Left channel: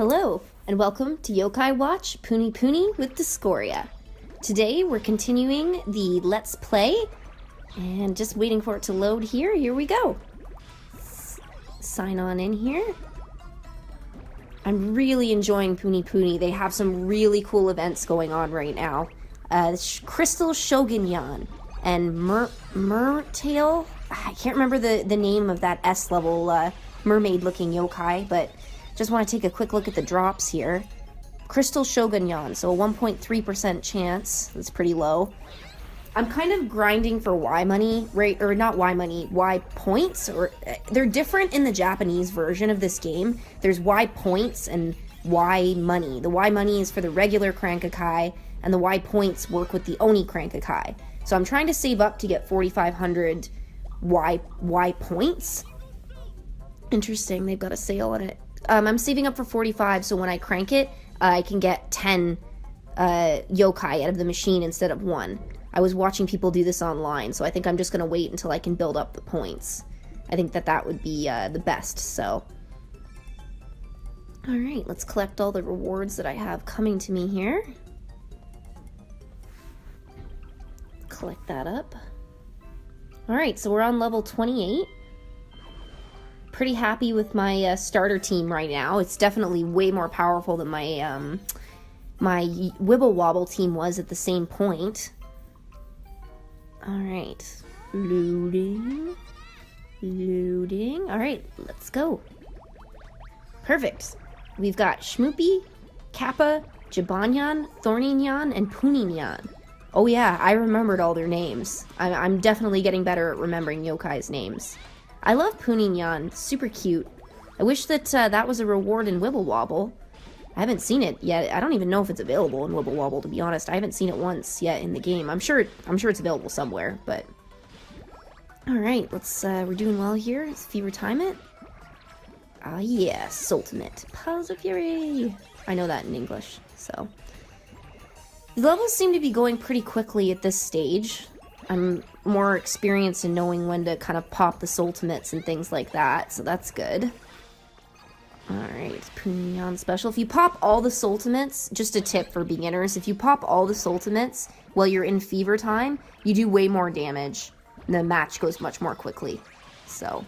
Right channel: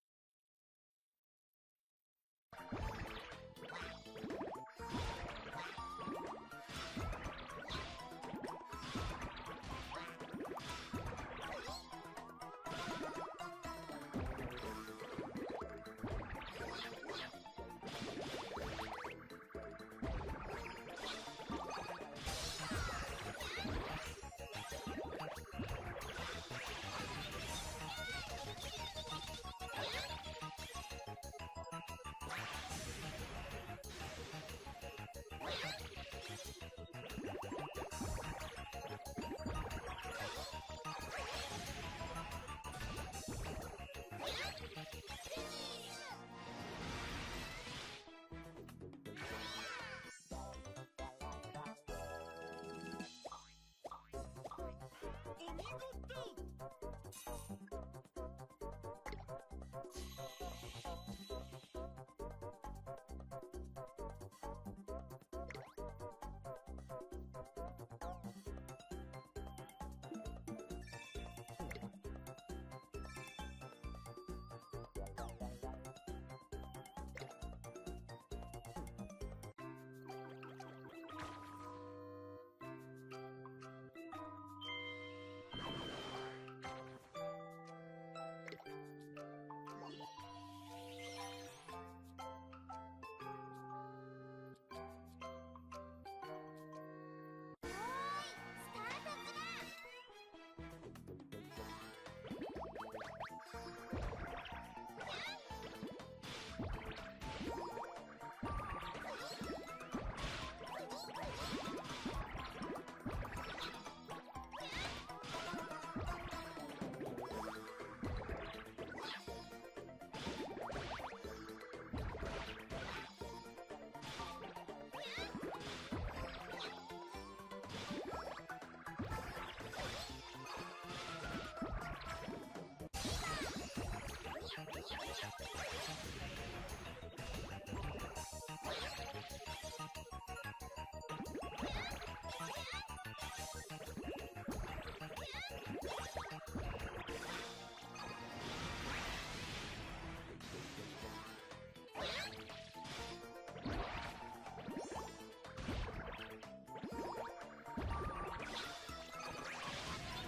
Hello, and welcome to Yokai Watch PuniPuni with Discoria. Today we're continuing the Let's Play, and just waiting for it to load here. Here we go. Sign on in here. I'm really enjoying PuniPuni. They have some really cool events going on right now. Crystal Shogunyan and Mertail. I can't remember the name of that S-level mermaid-looking yokai, but just want to take a quick look at the drops here. Crystal Shogunyan, so a 1.3% chance. That's pretty low. I'm kind of grinding for Y money, right? Or not Y money, Y points. Or they're different in the Japanese version of this game. There's Y points and Y money. The Y money is for the regular Crankakai, and the Y points work with the Oni Crankakai. So I'm trying to save up to get 4,500 Y points. Interesting, they've got a sale on it. I'm saving up for 45, so when I crank it, I can get 10 yokai out of the machine instead of 1. I was watching people do this online, so I think I'm just going to wait until I can build up the points. I think that would be the best, so. Alright, let's collect all the rewards that I have coming to me here. Collect that up. Alright, so we're on level 28. Pretty happy with my starter team right now. It's definitely way more powerful than my my Wibble Wobble team was at the same point. Alright. Loading. Loading. Alright, let's go. Perfect. We've got Shmoopy, Kappa, Jibanyan, Thorninyan, and Puninyan. Oh yeah, I remembered all their names. I'm definitely getting better at remembering yokai's names. I love Puninyan, super cute. I wish that that was a reward in Wibble Wobble. I haven't seen it yet. I don't even know if it's available in Wibble Wobble, to be honest. I haven't seen it once yet in the game. I'm sure it's available somewhere, but... Alright, let's, we're doing well here. Let's fever time it. Ah, yes, ultimate. Pulse of Fury! I know that in English, so... The levels seem to be going pretty quickly at this stage. I'm more experienced in knowing when to kind of pop the ultimates and things like that, so that's good. Alright, Puninyan special. If you pop all the ultimates, just a tip for beginners, if you pop all the ultimates while you're in fever time, you do way more damage. And the match goes much more quickly. So,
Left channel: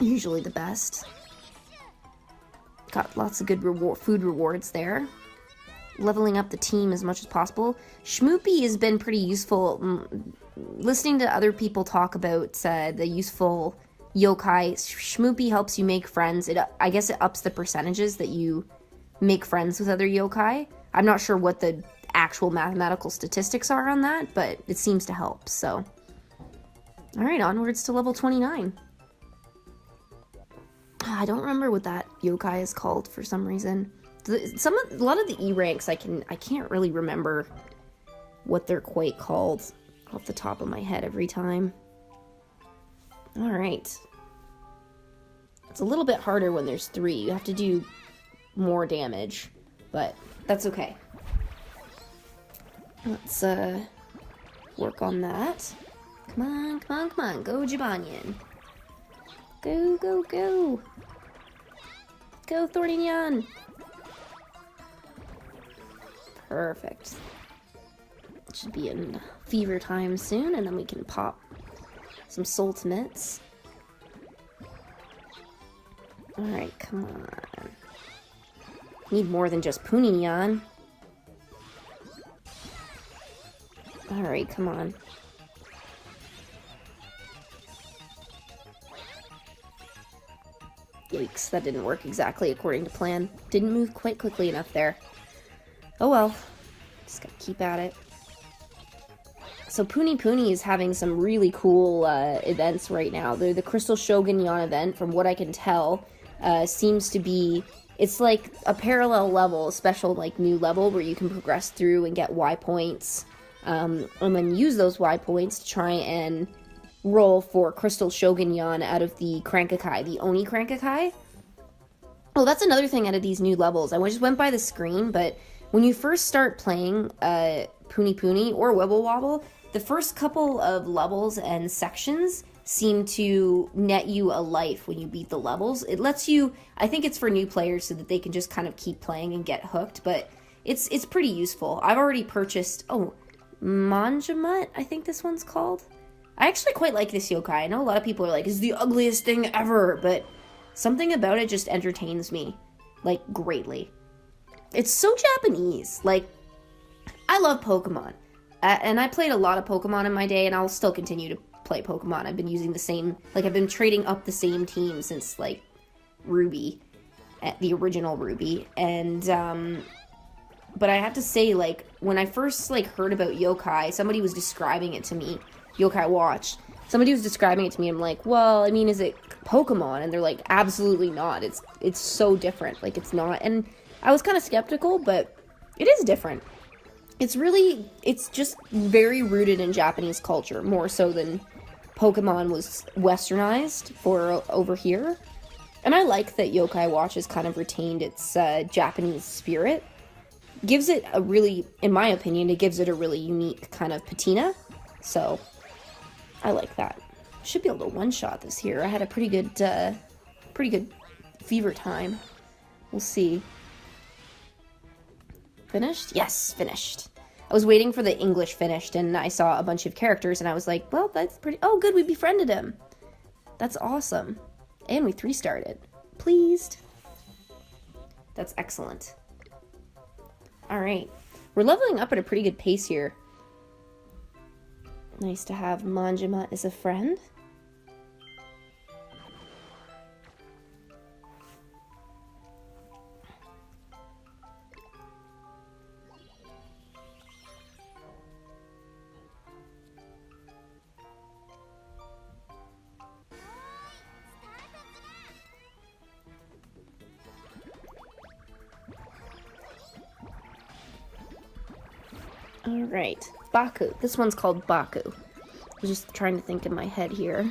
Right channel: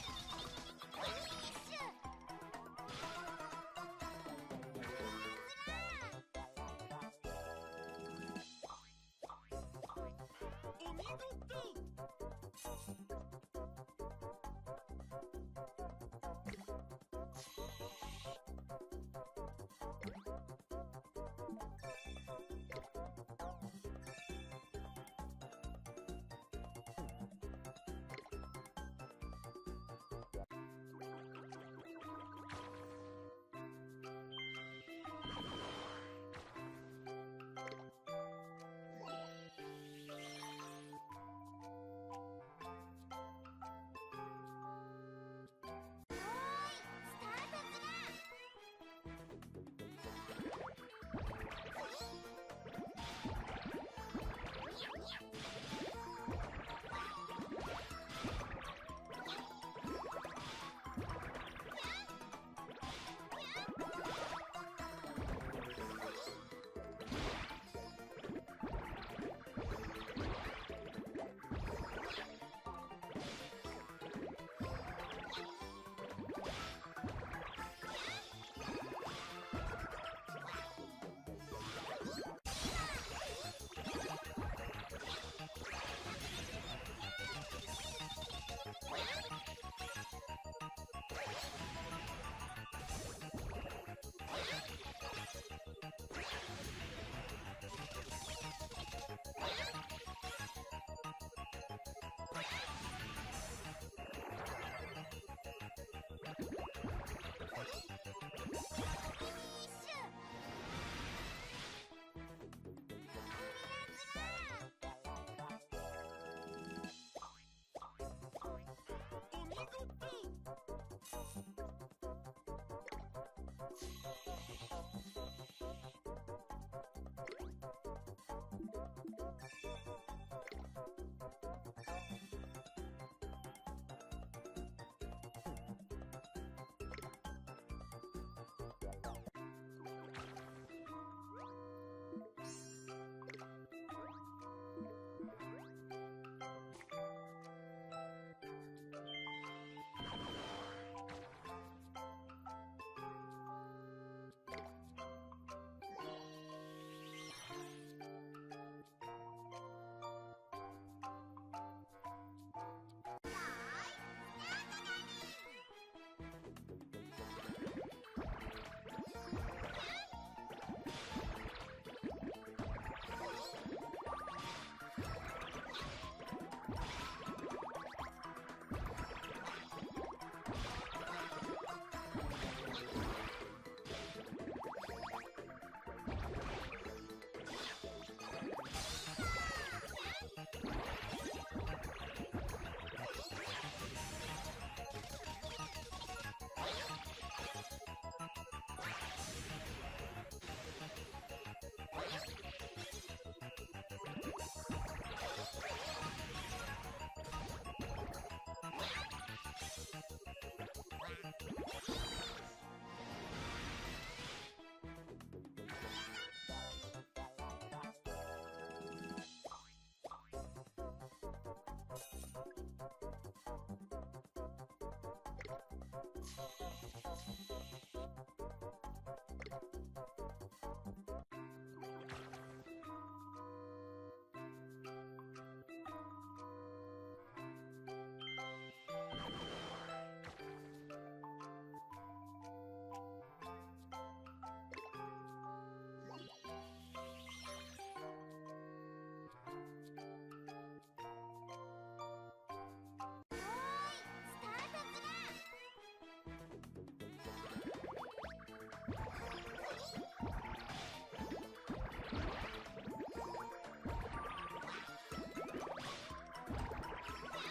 usually the best. Got lots of good food rewards there. Leveling up the team as much as possible. Shmoopy has been pretty useful. Listening to other people talk about the useful yokai, Shmoopy helps you make friends. I guess it ups the percentages that you make friends with other yokai. I'm not sure what the actual mathematical statistics are on that, but it seems to help, so. Alright, onwards to level 29. I don't remember what that yokai is called for some reason. A lot of the E ranks I can't really remember what they're quite called off the top of my head every time. Alright. It's a little bit harder when there's 3. You have to do more damage, but that's okay. Let's work on that. Come on, come on, come on. Go, Jibanyan. Go, go, go. Go, Thorninyan. Perfect. Should be in fever time soon, and then we can pop some ultimates. Alright, come on. Need more than just Puninyan. Alright, come on. Yikes, that didn't work exactly according to plan. Didn't move quite quickly enough there. Oh well. Just gotta keep at it. So PuniPuni is having some really cool events right now. The Crystal Shogunyan event, from what I can tell, seems to be... It's like a parallel level, a special like new level where you can progress through and get Y points. And then use those Y points to try and roll for Crystal Shogunyan out of the Crankakai, the Oni Crankakai. Oh, that's another thing out of these new levels. I just went by the screen, but when you first start playing PuniPuni or Wibble Wobble, the first couple of levels and sections seem to net you a life when you beat the levels. It lets you, I think it's for new players so that they can just kind of keep playing and get hooked, but it's pretty useful. I've already purchased, Manjamut, I think this one's called. I actually quite like this yokai. I know a lot of people are like, it's the ugliest thing ever, but something about it just entertains me, like, greatly. It's so Japanese. Like, I love Pokemon. And I played a lot of Pokemon in my day, and I'll still continue to play Pokemon. I've been using the same, like, I've been trading up the same team since, like, Ruby, the original Ruby, and, but I have to say, like, when I first, like, heard about Yokai, somebody was describing it to me, Yokai Watch, somebody was describing it to me, I'm like, well, I mean, is it Pokemon? And they're like, absolutely not, it's so different, like, it's not, and I was kind of skeptical, but it is different. It's just very rooted in Japanese culture, more so than Pokemon was westernized for over here. And I like that Yokai Watch has kind of retained its Japanese spirit. Gives it a really, in my opinion, it gives it a really unique kind of patina. So, I like that. Should be able to one-shot this here. I had a pretty good fever time. We'll see. Finished? Yes, finished. I was waiting for the English finished, and I saw a bunch of characters, and I was like, well, that's pretty... Oh, good, we befriended him. That's awesome. And we 3-starred. Pleased. That's excellent. Alright. We're leveling up at a pretty good pace here. Nice to have Manjima as a friend. Alright, Baku. This one's called Baku. I'm just trying to think in my head here.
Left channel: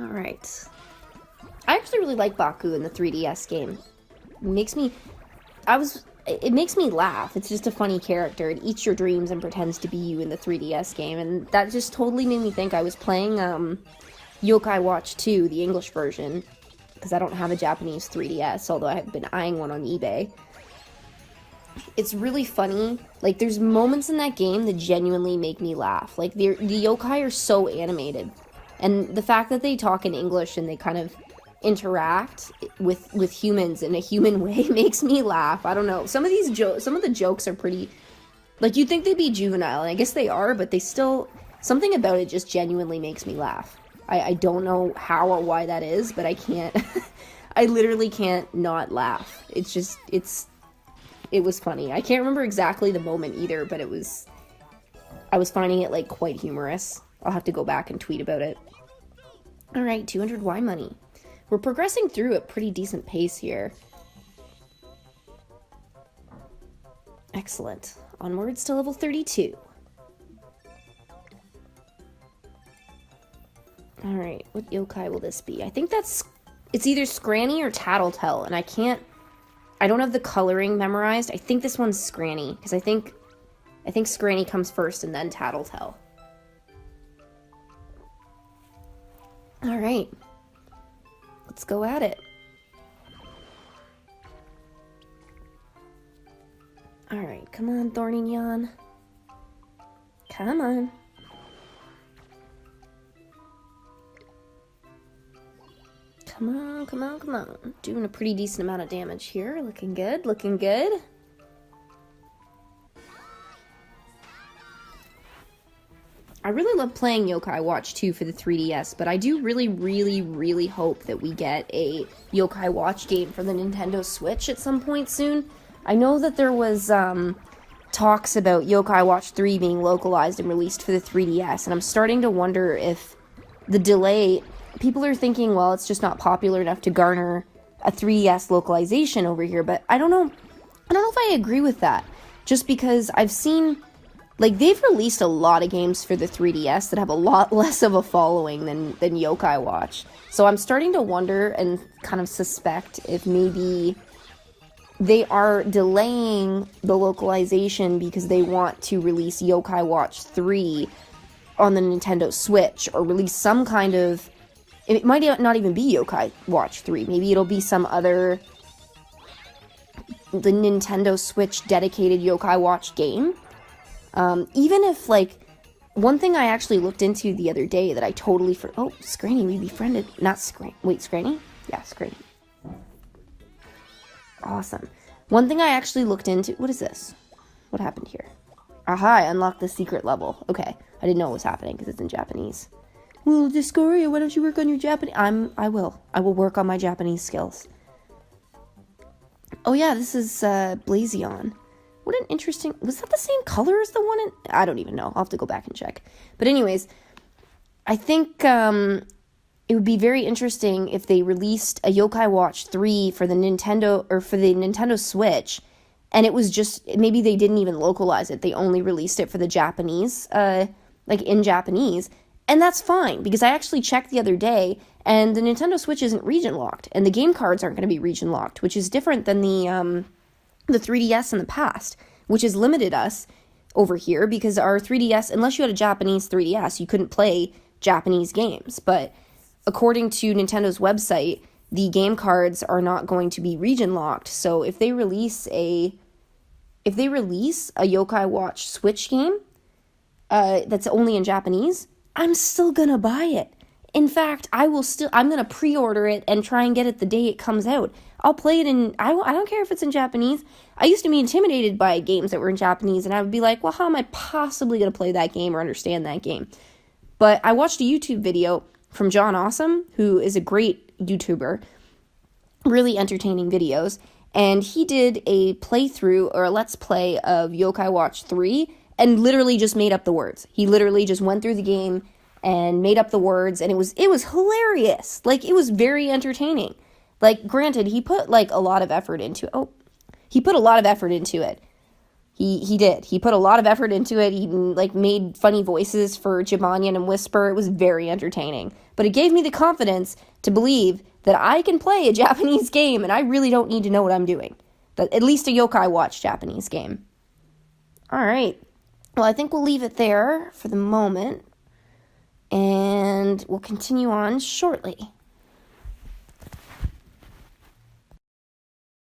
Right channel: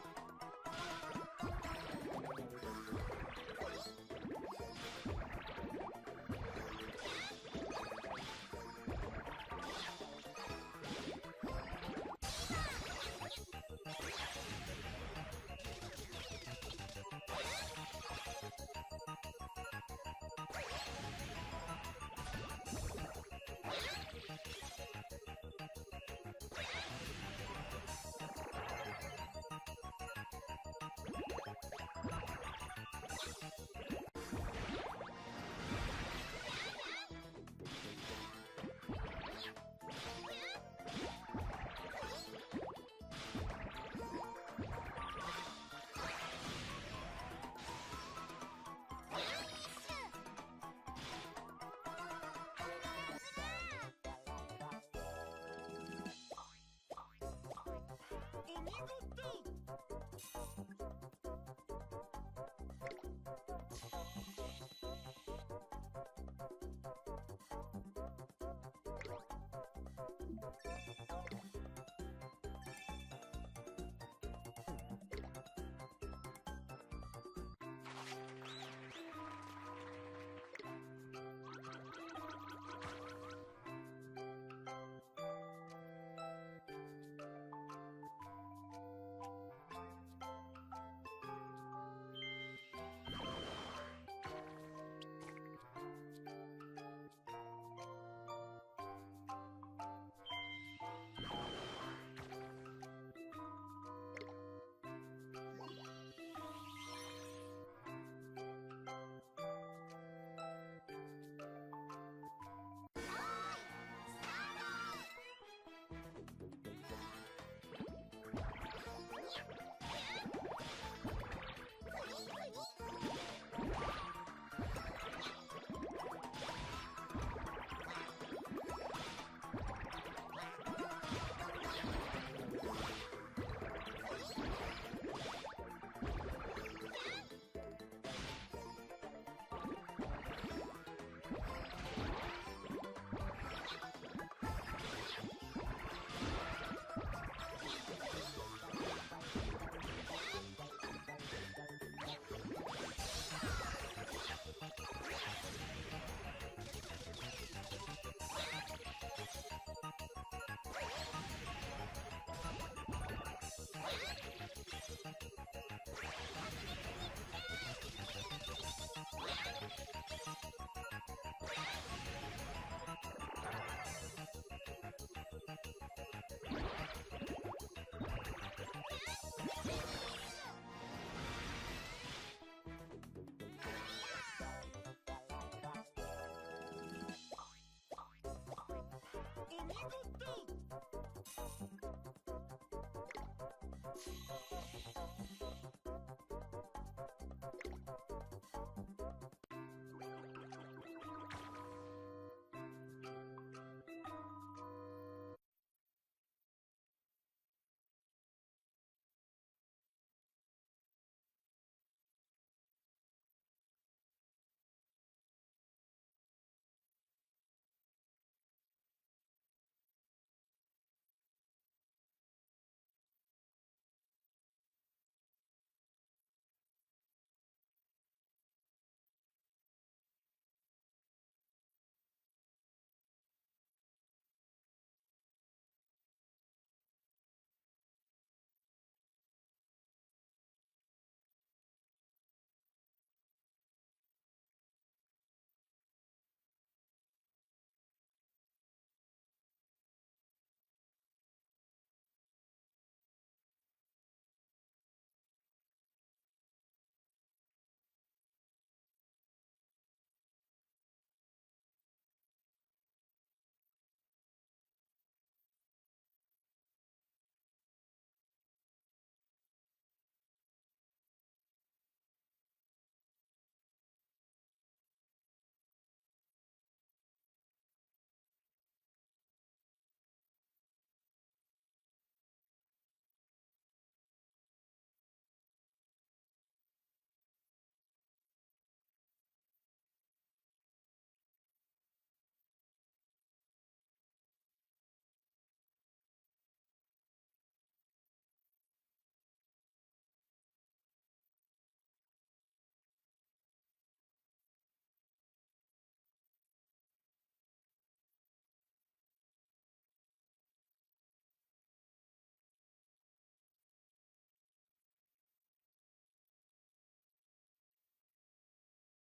Alright. I actually really like Baku in the 3DS game. It makes me laugh. It's just a funny character. It eats your dreams and pretends to be you in the 3DS game, and that just totally made me think I was playing Yokai Watch 2, the English version, because I don't have a Japanese 3DS, although I have been eyeing one on eBay. It's really funny. Like, there's moments in that game that genuinely make me laugh. Like, the yokai are so animated. And the fact that they talk in English and they kind of interact with humans in a human way makes me laugh. I don't know. Some of the jokes are pretty... Like, you'd think they'd be juvenile, and I guess they are, but they still... Something about it just genuinely makes me laugh. I don't know how or why that is, but I can't... I literally can't not laugh. It's just... It was funny. I can't remember exactly the moment either, but I was finding it, like, quite humorous. I'll have to go back and tweet about it. Alright, 200 Y money. We're progressing through at pretty decent pace here. Excellent. Onwards to level 32. Alright, what yokai will this be? I think it's either Scranny or Tattletale, and I don't have the coloring memorized. I think this one's Scranny, because I think Scranny comes first and then Tattletale. Alright. Let's go at it. Alright, come on, Thorny Nyan. Come on. Come on, come on, come on. Doing a pretty decent amount of damage here. Looking good, looking good. I really love playing Yokai Watch 2 for the 3DS, but I do really, really, really hope that we get a Yokai Watch game for the Nintendo Switch at some point soon. I know that there was talks about Yokai Watch 3 being localized and released for the 3DS, and I'm starting to wonder if the delay... People are thinking, well, it's just not popular enough to garner a 3DS localization over here, but I don't know if I agree with that. Just because I've seen, like, they've released a lot of games for the 3DS that have a lot less of a following than Yokai Watch. So I'm starting to wonder and kind of suspect if maybe they are delaying the localization because they want to release Yokai Watch 3 on the Nintendo Switch or release some kind of... It might not even be Yokai Watch 3. Maybe it'll be some other... the Nintendo Switch dedicated Yokai Watch game. Even if, like... One thing I actually looked into the other day that I totally... Oh, Scranny, we befriended... Not Scranny. Wait, Scranny? Yeah, Scranny. Awesome. One thing I actually looked into... What is this? What happened here? Aha, I unlocked the secret level. Okay, I didn't know what was happening because it's in Japanese. Well, Discoria, why don't you work on your Japanese... I will. I will work on my Japanese skills. Oh yeah, this is Blazion. What an interesting... Was that the same color as the one in... I don't even know. I'll have to go back and check. But anyways, I think it would be very interesting if they released a Yokai Watch 3 for the Nintendo... Or for the Nintendo Switch... And it was just, maybe they didn't even localize it. They only released it for the Japanese, like in Japanese. And that's fine, because I actually checked the other day, and the Nintendo Switch isn't region locked, and the game cards aren't going to be region locked, which is different than the 3DS in the past, which has limited us over here, because our 3DS, unless you had a Japanese 3DS, you couldn't play Japanese games. But according to Nintendo's website, the game cards are not going to be region locked. So if they release a Yokai Watch Switch game that's only in Japanese, I'm still gonna buy it. In fact, I'm gonna pre-order it and try and get it the day it comes out. I'll play it I don't care if it's in Japanese. I used to be intimidated by games that were in Japanese, and I would be like, well, how am I possibly gonna play that game or understand that game? But I watched a YouTube video from John Awesome, who is a great YouTuber, really entertaining videos, and he did a playthrough or a let's play of Yokai Watch 3 and literally just made up the words. He literally just went through the game and made up the words, and it was hilarious. Like, it was very entertaining. Like, granted, he put like a lot of effort into it. He put a lot of effort into it. He did. He put a lot of effort into it. He like made funny voices for Jibanyan and Whisper. It was very entertaining. But it gave me the confidence to believe that I can play a Japanese game and I really don't need to know what I'm doing. At least a Yokai Watch Japanese game. Alright. Well, I think we'll leave it there for the moment. And we'll continue on shortly.